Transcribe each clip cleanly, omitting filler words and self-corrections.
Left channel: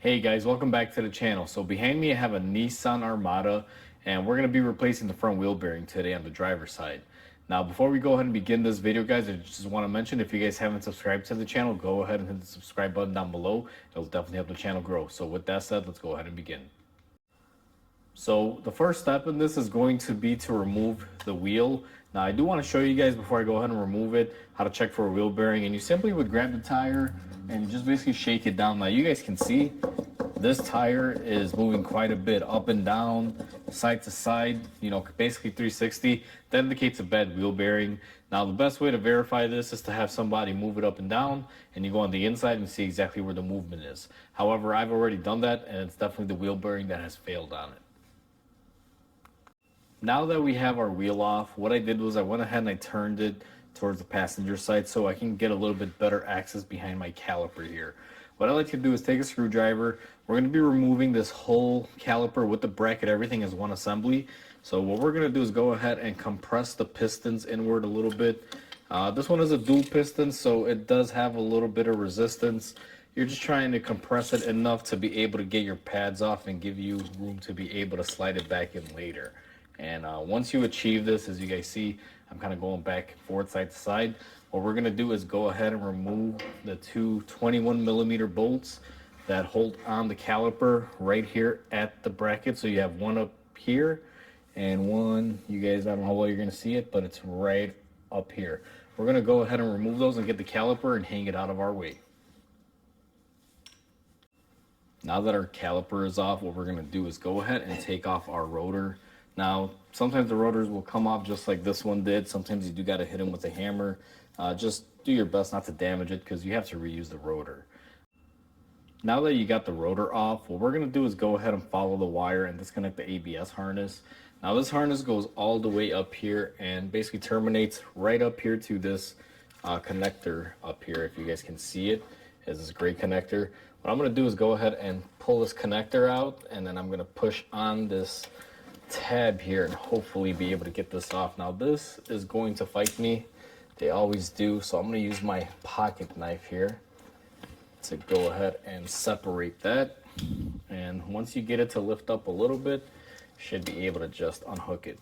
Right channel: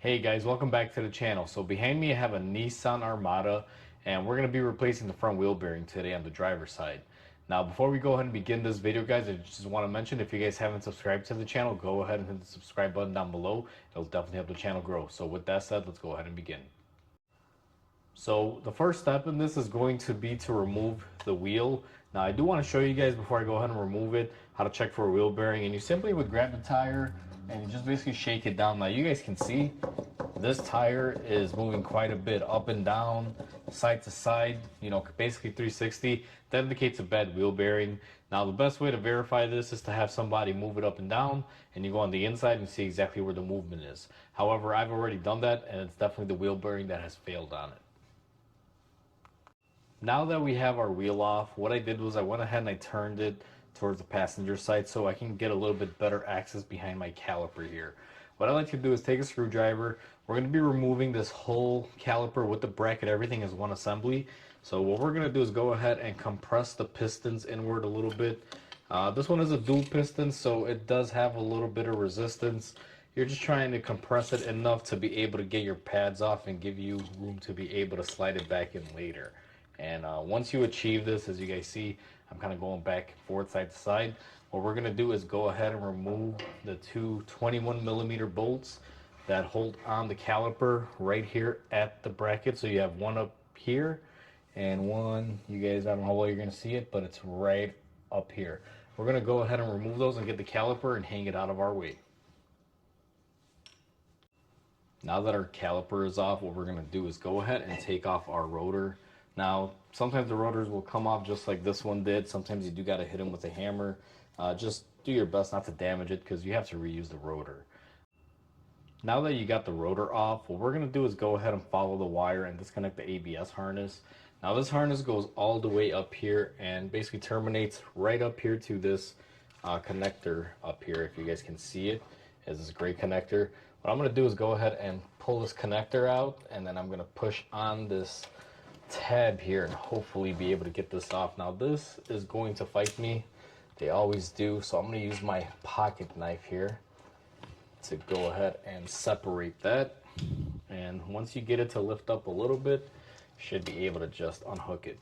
Hey guys, welcome back to the channel. So behind me I have a Nissan Armada and we're going to be replacing the front wheel bearing today on the driver's side. Now before we go ahead and begin this video guys, I just want to mention if you guys haven't subscribed to the channel, go ahead and hit the subscribe button down below. It'll definitely help the channel grow. So with that said, let's go ahead and begin. So the first step in this is going to be to remove the wheel. Now I do want to show you guys before I go ahead and remove it how to check for a wheel bearing, and you simply would grab the tire and you just basically shake it down. Now you guys can see this tire is moving quite a bit up and down, side to side, basically 360. That indicates a bad wheel bearing. Now the best way to verify this is to have somebody move it up and down, and you go on the inside and see exactly where the movement is. However, I've already done that and it's definitely the wheel bearing that has failed on it. Now that we have our wheel off, what I did was I went ahead and I turned it towards the passenger side so I can get a little bit better access behind my caliper here. What I like to do is take a screwdriver. We're going to be removing this whole caliper with the bracket, everything is one assembly. So what we're going to do is go ahead and compress the pistons inward a little bit. This one is a dual piston, so it does have a little bit of resistance. You're just trying to compress it enough to be able to get your pads off and give you room to be able to slide it back in later. And once you achieve this, as you guys see, I'm kind of going back and forth side to side. What we're going to do is go ahead and remove the two 21mm bolts that hold on the caliper right here at the bracket. So you have one up here and one, you guys, I don't know how well you're going to see it, but it's right up here. We're going to go ahead and remove those and get the caliper and hang it out of our way. Now that our caliper is off, what we're going to do is go ahead and take off our rotor. Now, sometimes the rotors will come off just like this one did. Sometimes you do got to hit them with a hammer. Just do your best not to damage it because you have to reuse the rotor. Now that you got the rotor off, what we're going to do is go ahead and follow the wire and disconnect the ABS harness. Now this harness goes all the way up here and basically terminates right up here to this connector up here. If you guys can see it, it's this gray connector. What I'm going to do is go ahead and pull this connector out, and then I'm going to push on this tab here and hopefully be able to get this off. Now this is going to fight me, they always do, so I'm going to use my pocket knife here to go ahead and separate that. And once you get it to lift up a little bit, you should be able to just unhook it.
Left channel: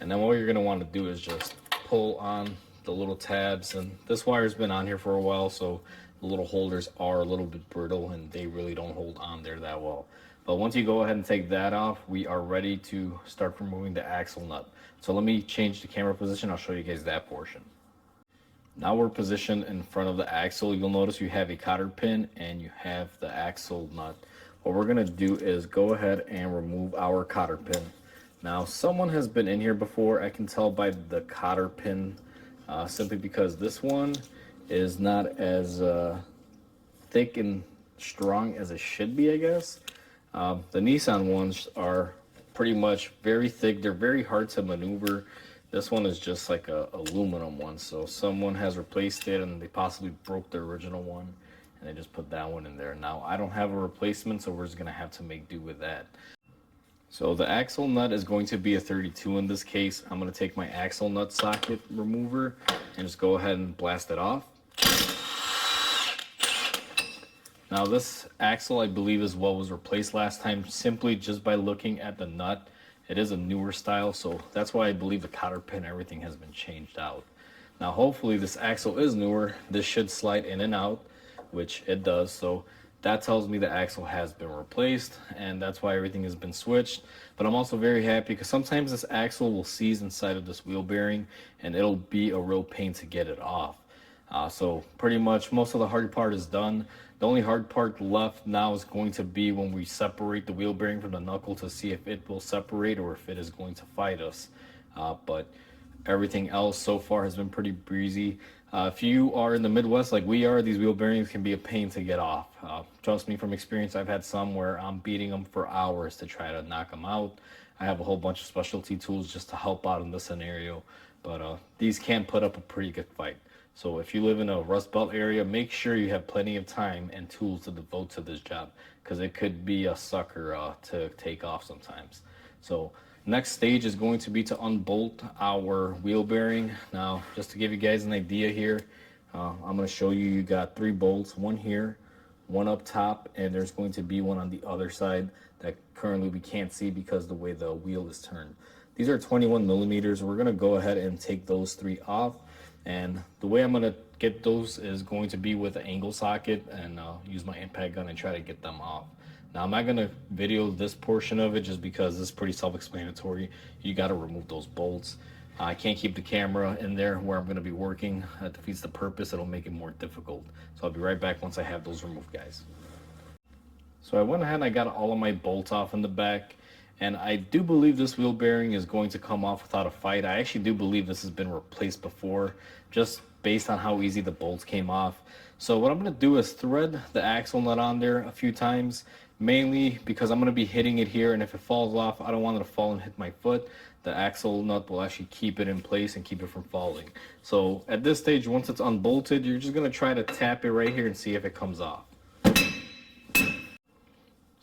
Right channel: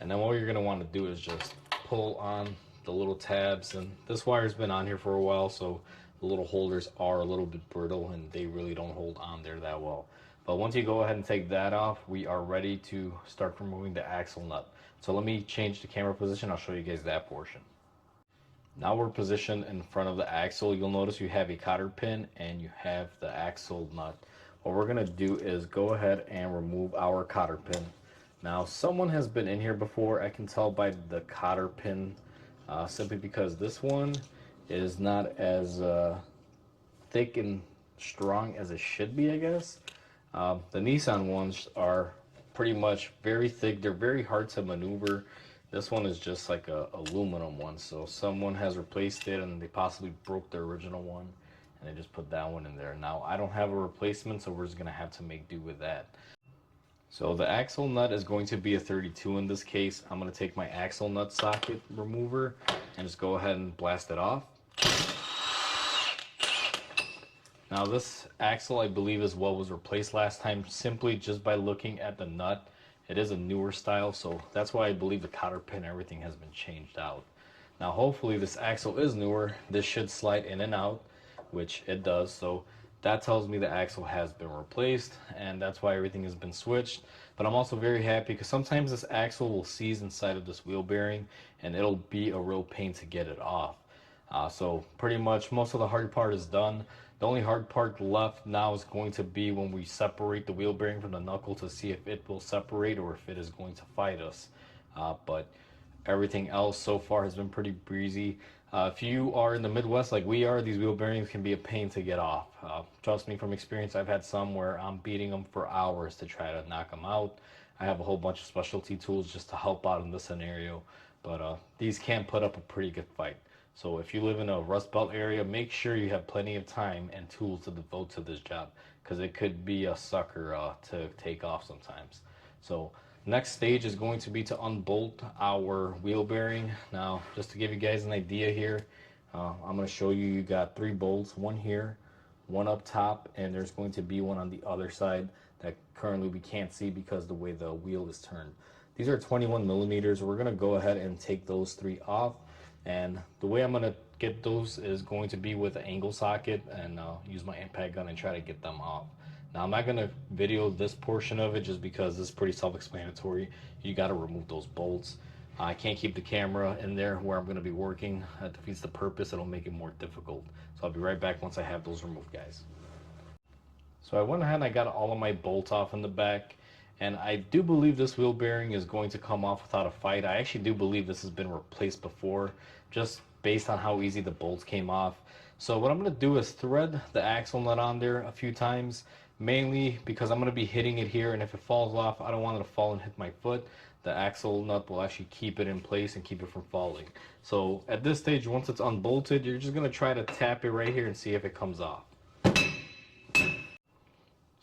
And then what you're going to want to do is just pull on the little tabs, and this wire's been on here for a while, so the little holders are a little bit brittle and they really don't hold on there that well. But once you go ahead and take that off, we are ready to start removing the axle nut. So let me change the camera position. I'll show you guys that portion. Now we're positioned in front of the axle. You'll notice you have a cotter pin and you have the axle nut. What we're going to do is go ahead and remove our cotter pin. Now someone has been in here before. I can tell by the cotter pin simply because this one is not as thick and strong as it should be, I guess. The Nissan ones are pretty much very thick. They're very hard to maneuver. This one is just like a aluminum one, so someone has replaced it and they possibly broke the original one and they just put that one in there. Now I don't have a replacement, so we're just gonna have to make do with that. So the axle nut is going to be a 32 in this case. I'm going to take my axle nut socket remover and just go ahead and blast it off. Now this axle, I believe, is what was replaced last time, simply just by looking at the nut. It is a newer style, so that's why I believe the cotter pin, everything has been changed out. Now hopefully this axle is newer. This should slide in and out, which it does, so that tells me the axle has been replaced, and that's why everything has been switched. But I'm also very happy because sometimes this axle will seize inside of this wheel bearing and it'll be a real pain to get it off. So pretty much most of the hard part is done. The only hard part left now is going to be when we separate the wheel bearing from the knuckle to see if it will separate or if it is going to fight us. But everything else so far has been pretty breezy. If you are in the Midwest like we are, these wheel bearings can be a pain to get off. Trust me from experience, I've had some where I'm beating them for hours to try to knock them out. I have a whole bunch of specialty tools just to help out in this scenario, but these can put up a pretty good fight. So if you live in a Rust Belt area, make sure you have plenty of time and tools to devote to this job, because it could be a sucker to take off sometimes. So next stage is going to be to unbolt our wheel bearing. Now, just to give you guys an idea here, I'm going to show you, you got 3 bolts, one here, one up top, and there's going to be one on the other side that currently we can't see because the way the wheel is turned. These are 21 millimeters. We're gonna go ahead and take those three off, and the way I'm gonna get those is going to be with an angle socket, and use my impact gun and try to get them off. Now I'm not gonna video this portion of it just because it's pretty self-explanatory. You gotta remove those bolts. I can't keep the camera in there where I'm gonna be working. That defeats the purpose. It'll make it more difficult. So I'll be right back once I have those removed, guys. So I went ahead and I got all of my bolts off in the back, and I do believe this wheel bearing is going to come off without a fight. I actually do believe this has been replaced before, just based on how easy the bolts came off. So what I'm going to do is thread the axle nut on there a few times, mainly because I'm going to be hitting it here, and if it falls off, I don't want it to fall and hit my foot. The axle nut will actually keep it in place and keep it from falling. So at this stage, once it's unbolted, you're just going to try to tap it right here and see if it comes off.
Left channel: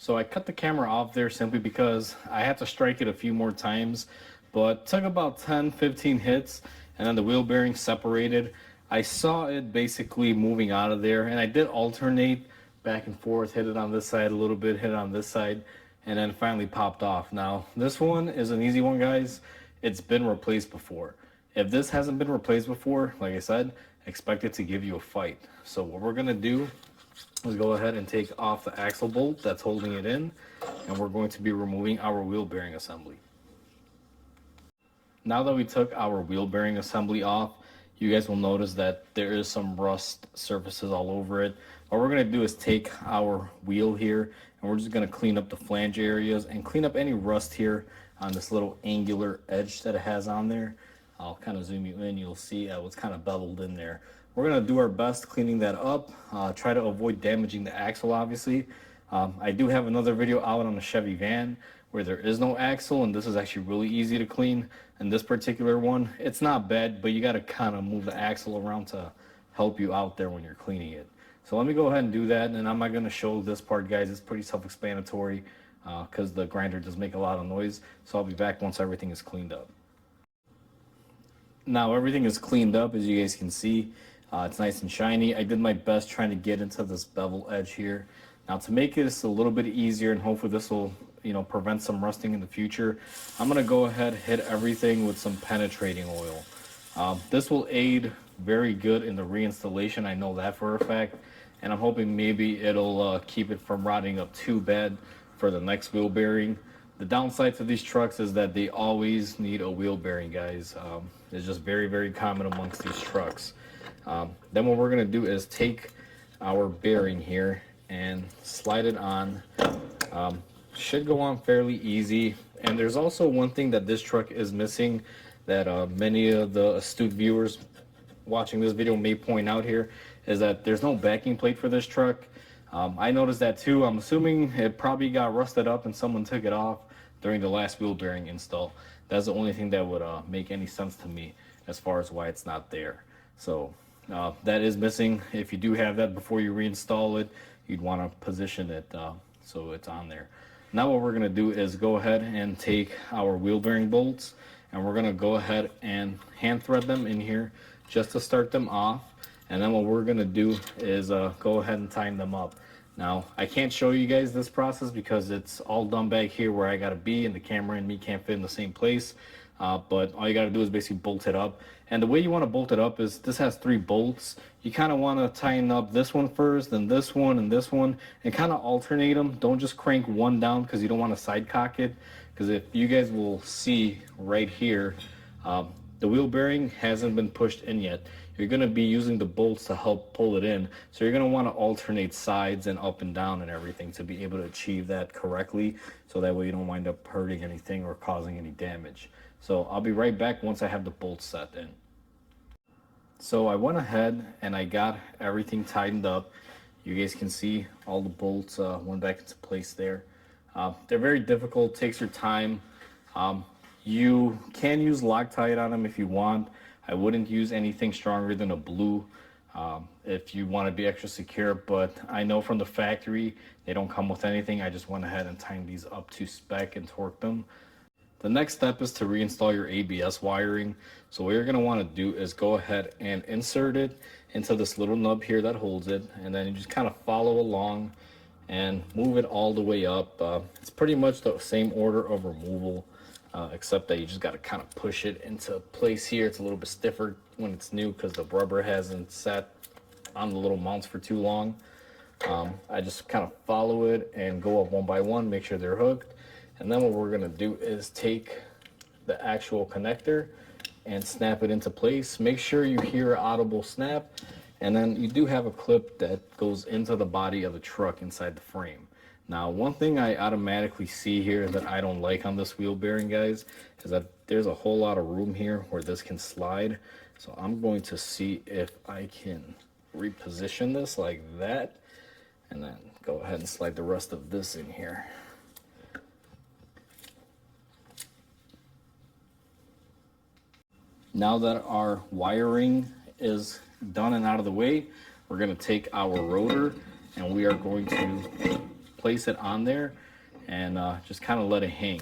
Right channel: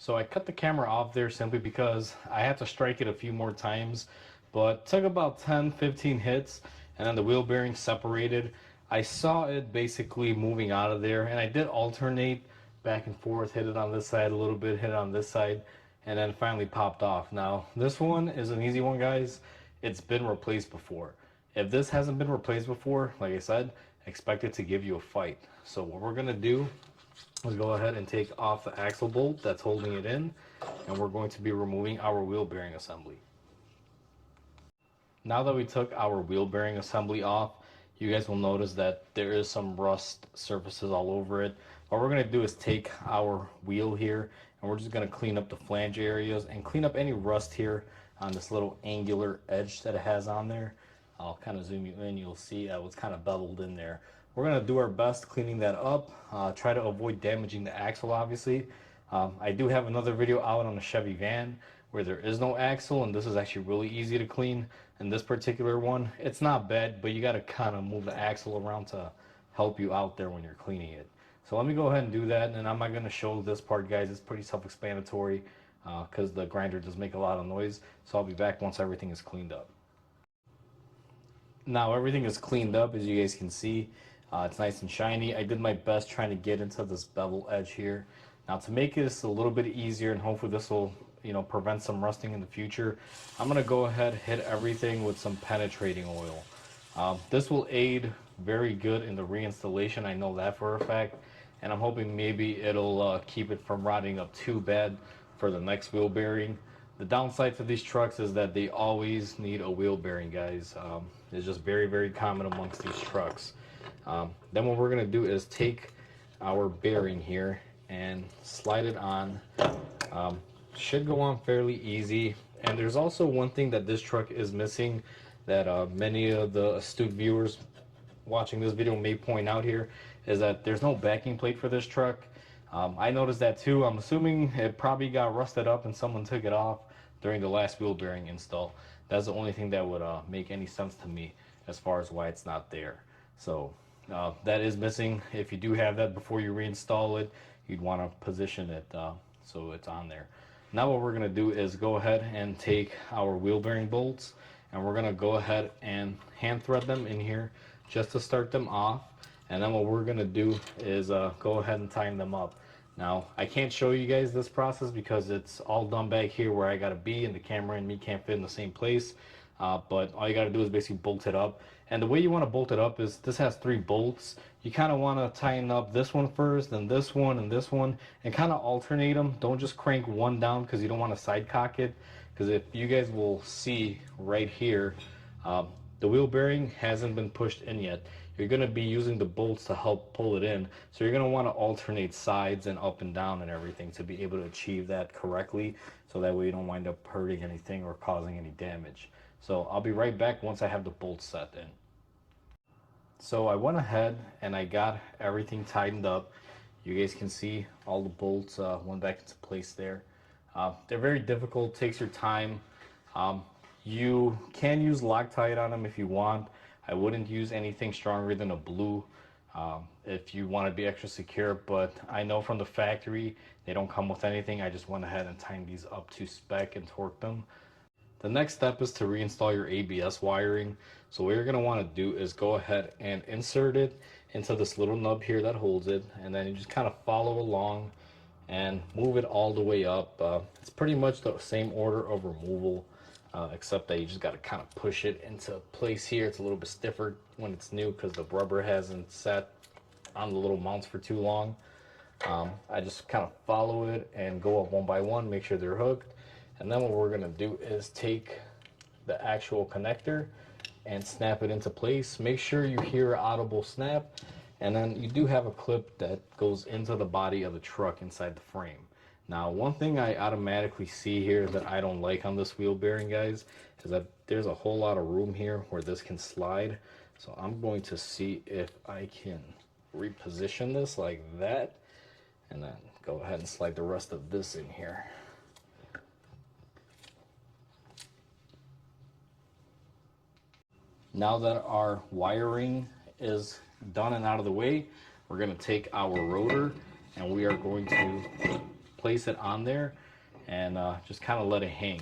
So I cut the camera off there simply because I had to strike it a few more times, but took about 10-15 hits, and then the wheel bearing separated. I saw it basically moving out of there, and I did alternate back and forth, hit it on this side a little bit, hit it on this side, and then finally popped off. Now this one is an easy one, guys. It's been replaced before. If this hasn't been replaced before, like I said, expect it to give you a fight. So what we're gonna do is go ahead and take off the axle bolt that's holding it in, and we're going to be removing our wheel bearing assembly. Now that we took our wheel bearing assembly off, you guys will notice that there is some rust surfaces all over it. What we're going to do is take our wheel here, and we're just going to clean up the flange areas and clean up any rust here on this little angular edge that it has on there. I'll kind of zoom you in, you'll see it's kind of beveled in there. We're going to do our best cleaning that up, try to avoid damaging the axle, obviously. I do have another video out on the Chevy van where there is no axle, and this is actually really easy to clean. And this particular one, it's not bad, but you got to kind of move the axle around to help you out there when you're cleaning it. So let me go ahead and do that, and I'm not going to show this part, guys. It's pretty self-explanatory because the grinder does make a lot of noise. So I'll be back once everything is cleaned up. Now everything is cleaned up, as you guys can see. It's nice and shiny. I did my best trying to get into this bevel edge here. Now to make this a little bit easier, and hopefully this will prevent some rusting in the future, I'm going to go ahead and hit everything with some penetrating oil. This will aid very good in the reinstallation, I know that for a fact, and I'm hoping maybe it'll keep it from rotting up too bad for the next wheel bearing. The downside to these trucks is that they always need a wheel bearing, guys. It's just very, very common amongst these trucks. Then what we're going to do is take our bearing here and slide it on. Should go on fairly easy. And there's also one thing that this truck is missing that many of the astute viewers watching this video may point out here, is that there's no backing plate for this truck. I noticed that too. I'm assuming it probably got rusted up and someone took it off during the last wheel bearing install. That's the only thing that would make any sense to me as far as why it's not there. So that is missing. If you do have that before you reinstall it, you'd want to position it so it's on there. Now what we're going to do is go ahead and take our wheel bearing bolts, and we're going to go ahead and hand thread them in here just to start them off. And then what we're going to do is go ahead and tighten them up. Now I can't show you guys this process because it's all done back here where I got to be, and the camera and me can't fit in the same place. But all you got to do is basically bolt it up. And the way you want to bolt it up is, this has 3 bolts. You kind of want to tighten up this one first, then this one, and this one, and kind of alternate them. Don't just crank one down because you don't want to side cock it. Because if you guys will see right here, the wheel bearing hasn't been pushed in yet. You're going to be using the bolts to help pull it in. So you're going to want to alternate sides and up and down and everything to be able to achieve that correctly. So that way you don't wind up hurting anything or causing any damage. So I'll be right back once I have the bolts set in. So I went ahead and I got everything tightened up. You guys can see all the bolts went back into place there. They're very difficult, takes your time. You can use Loctite on them if you want. I wouldn't use anything stronger than a blue if you want to be extra secure, but I know from the factory they don't come with anything. I just went ahead and tightened these up to spec and torqued them. The next step is to reinstall your ABS wiring. So what you're going to want to do is go ahead and insert it into this little nub here that holds it, and then you just kind of follow along and move it all the way up. It's pretty much the same order of removal, except that you just got to kind of push it into place here. It's a little bit stiffer when it's new because the rubber hasn't sat on the little mounts for too long. I just kind of follow it and go up one by one, make sure they're hooked. And then what we're going to do is take the actual connector and snap it into place. Make sure you hear an audible snap. And then you do have a clip that goes into the body of the truck inside the frame. Now, one thing I automatically see here that I don't like on this wheel bearing, guys, is that there's a whole lot of room here where this can slide. So I'm going to see if I can reposition this like that, and then go ahead and slide the rest of this in here. Now that our wiring is done and out of the way, we're going to take our rotor and we are going to place it on there and just kind of let it hang.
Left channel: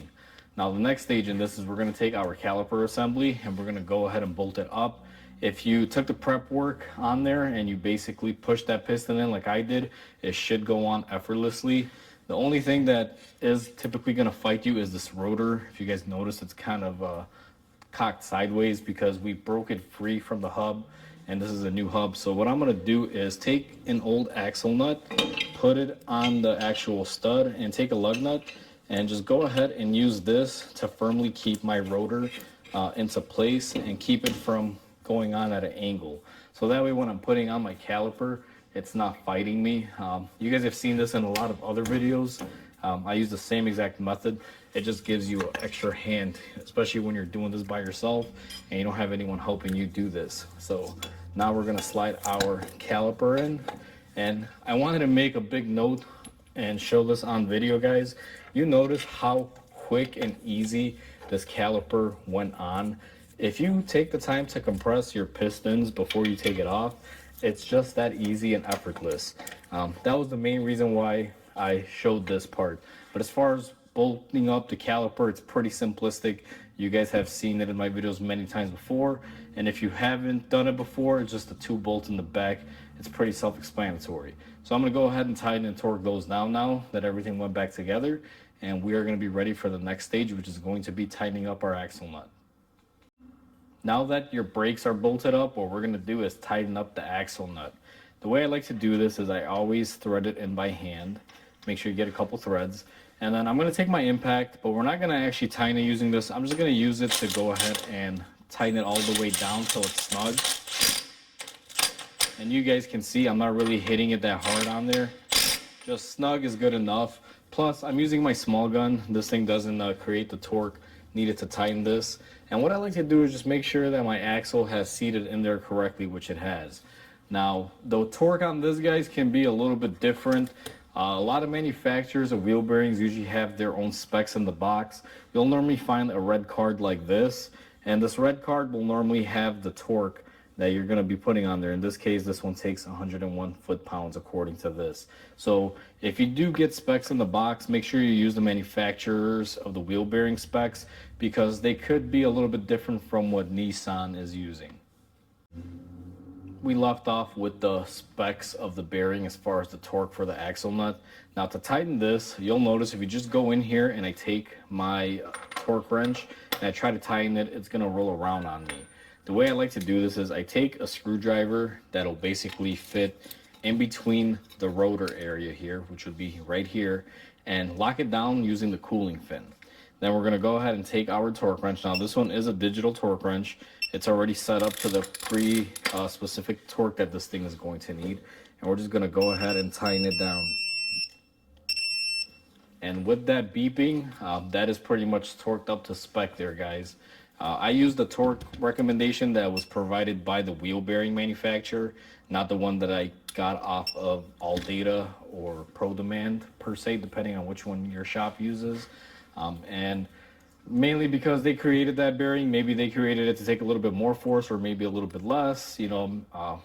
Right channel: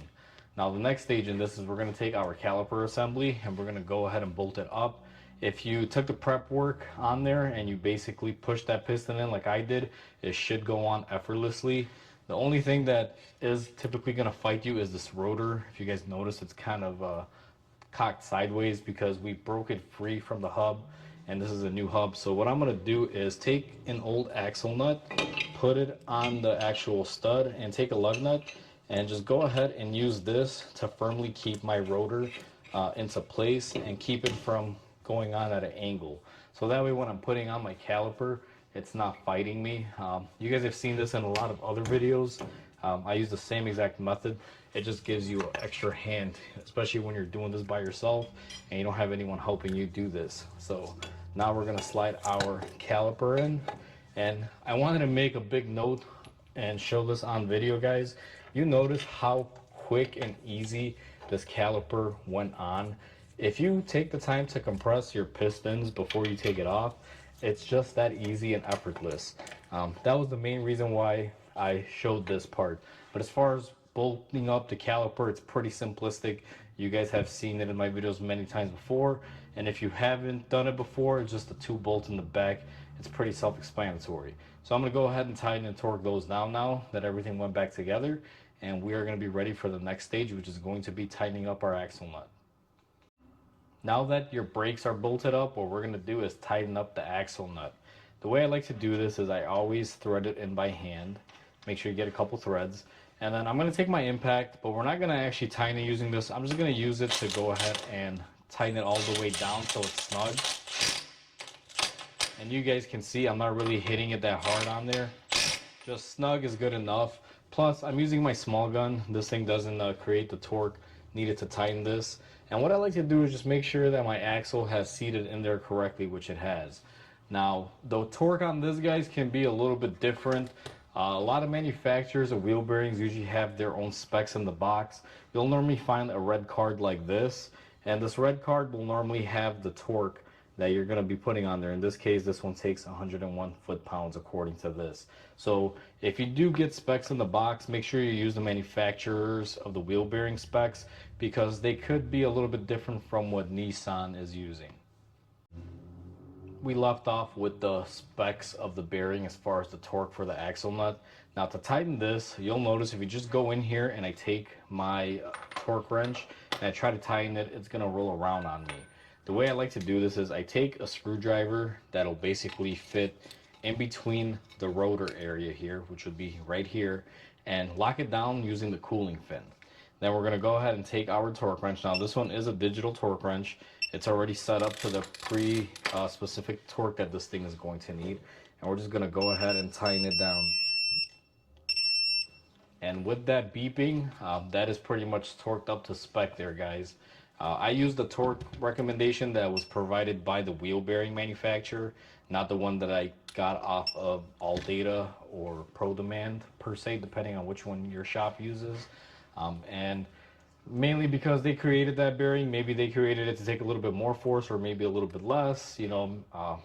Now the next stage in this is we're going to take our caliper assembly and we're going to go ahead and bolt it up. If you took the prep work on there and you basically push that piston in like I did, it should go on effortlessly. The only thing that is typically going to fight you is this rotor. If you guys notice, it's kind of cocked sideways because we broke it free from the hub, and this is a new hub. So what I'm going to do is take an old axle nut, put it on the actual stud, and take a lug nut and just go ahead and use this to firmly keep my rotor into place and keep it from going on at an angle. So that way when I'm putting on my caliper, it's not fighting me. You guys have seen this in a lot of other videos. I use the same exact method. It just gives you an extra hand, especially when you're doing this by yourself and you don't have anyone helping you do this. So now we're going to slide our caliper in, and I wanted to make a big note and show this on video, guys. You notice how quick and easy this caliper went on. If you take the time to compress your pistons before you take it off, it's just that easy and effortless. That was the main reason why I showed this part. But as far as bolting up the caliper, it's pretty simplistic. You guys have seen it in my videos many times before, and if you haven't done it before, it's just the 2 bolts in the back. It's pretty self-explanatory. So I'm going to go ahead and tighten and torque those down now that everything went back together, and we are going to be ready for the next stage, which is going to be tightening up our axle nut. Now that your brakes are bolted up, what we're going to do is tighten up the axle nut. The way I like to do this is I always thread it in by hand. Make sure you get a couple threads. And then I'm going to take my impact, but we're not going to actually tighten it using this. I'm just going to use it to go ahead and tighten it all the way down till it's snug. And you guys can see I'm not really hitting it that hard on there. Just snug is good enough. Plus, I'm using my small gun. This thing doesn't create the torque needed to tighten this. And what I like to do is just make sure that my axle has seated in there correctly, which it has. Now, the torque on this, guys, can be a little bit different. A lot of manufacturers of wheel bearings usually have their own specs in the box. You'll normally find a red card like this, and this red card will normally have the torque that you're going to be putting on there. In this case, this one takes 101 foot-pounds according to this. So if you do get specs in the box, make sure you use the manufacturers of the wheel bearing specs, because they could be a little bit different from what Nissan is using. We left off with the specs of the bearing as far as the torque for the axle nut. Now to tighten this, you'll notice if you just go in here and I take my torque wrench and I try to tighten it, it's going to roll around on me. The way I like to do this is I take a screwdriver that'll basically fit in between the rotor area here, which would be right here, and lock it down using the cooling fin. Then we're going to go ahead and take our torque wrench. Now this one is a digital torque wrench. It's already set up to the specific torque that this thing is going to need. And we're just going to go ahead and tighten it down. And with that beeping, that is pretty much torqued up to spec there, guys. I used the torque recommendation that was provided by the wheel bearing manufacturer, not the one that I got off of All Data or Pro Demand per se, depending on which one your shop uses. And mainly because they created that bearing. Maybe they created it to take a little bit more force or maybe a little bit less.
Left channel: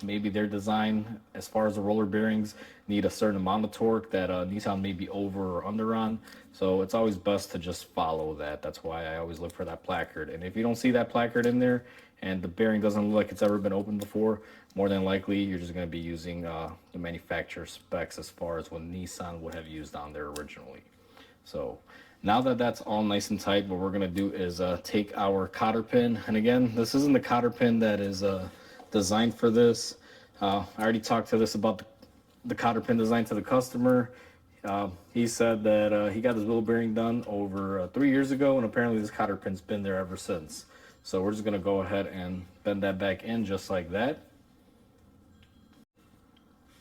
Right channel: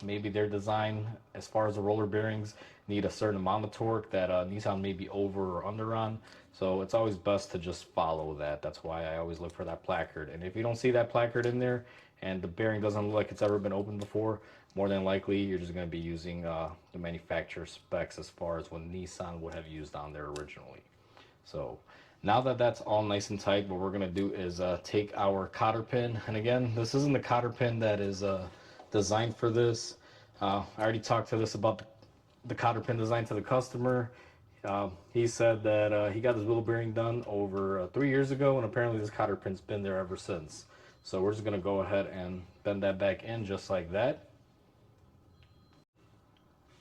Maybe their design as far as the roller bearings need a certain amount of torque that Nissan may be over or under on. So it's always best to just follow that. That's why I always look for that placard. And if you don't see that placard in there and the bearing doesn't look like it's ever been opened before, more than likely you're just going to be using the manufacturer specs as far as what Nissan would have used on there originally. So now that that's all nice and tight, what we're going to do is take our cotter pin. And again, this isn't the cotter pin that is designed for this. I already talked to this about the cotter pin design to the customer. He said that he got his wheel bearing done over 3 years ago, and apparently this cotter pin's been there ever since. So we're just going to go ahead and bend that back in just like that.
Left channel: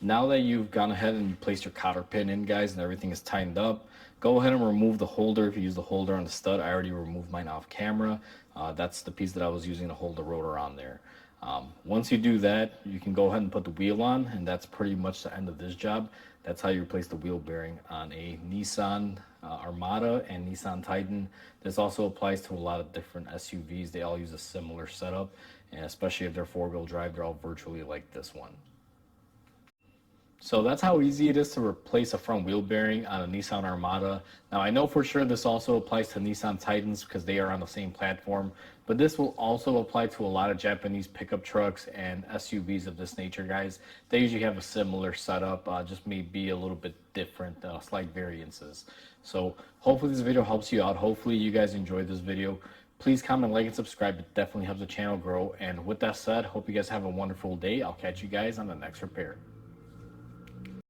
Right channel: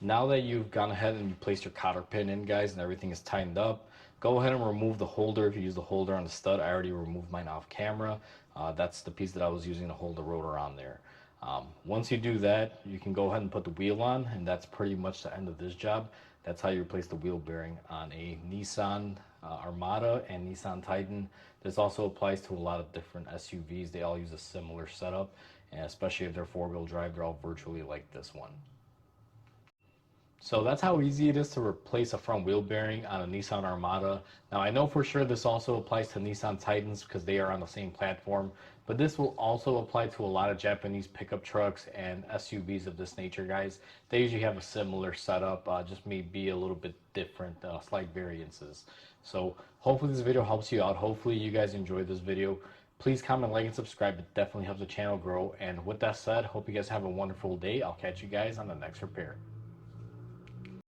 Now that you've gone ahead and placed your cotter pin in, guys, and everything is tightened up, go ahead and remove the holder. If you use the holder on the stud, I already removed mine off camera. That's the piece that I was using to hold the rotor on there. Once you do that, you can go ahead and put the wheel on, and that's pretty much the end of this job. That's how you replace the wheel bearing on a Nissan Armada and Nissan Titan. This also applies to a lot of different SUVs. They all use a similar setup, and especially if they're four-wheel drive, they're all virtually like this one. So that's how easy it is to replace a front wheel bearing on a Nissan Armada. Now I know for sure this also applies to Nissan Titans because they are on the same platform, but this will also apply to a lot of Japanese pickup trucks and SUVs of this nature, guys. They usually have a similar setup, just maybe a little bit different, slight variances. So hopefully this video helps you out. Hopefully you guys enjoyed this video. Please comment, like, and subscribe. It definitely helps the channel grow. And with that said, hope you guys have a wonderful day. I'll catch you guys on the next repair.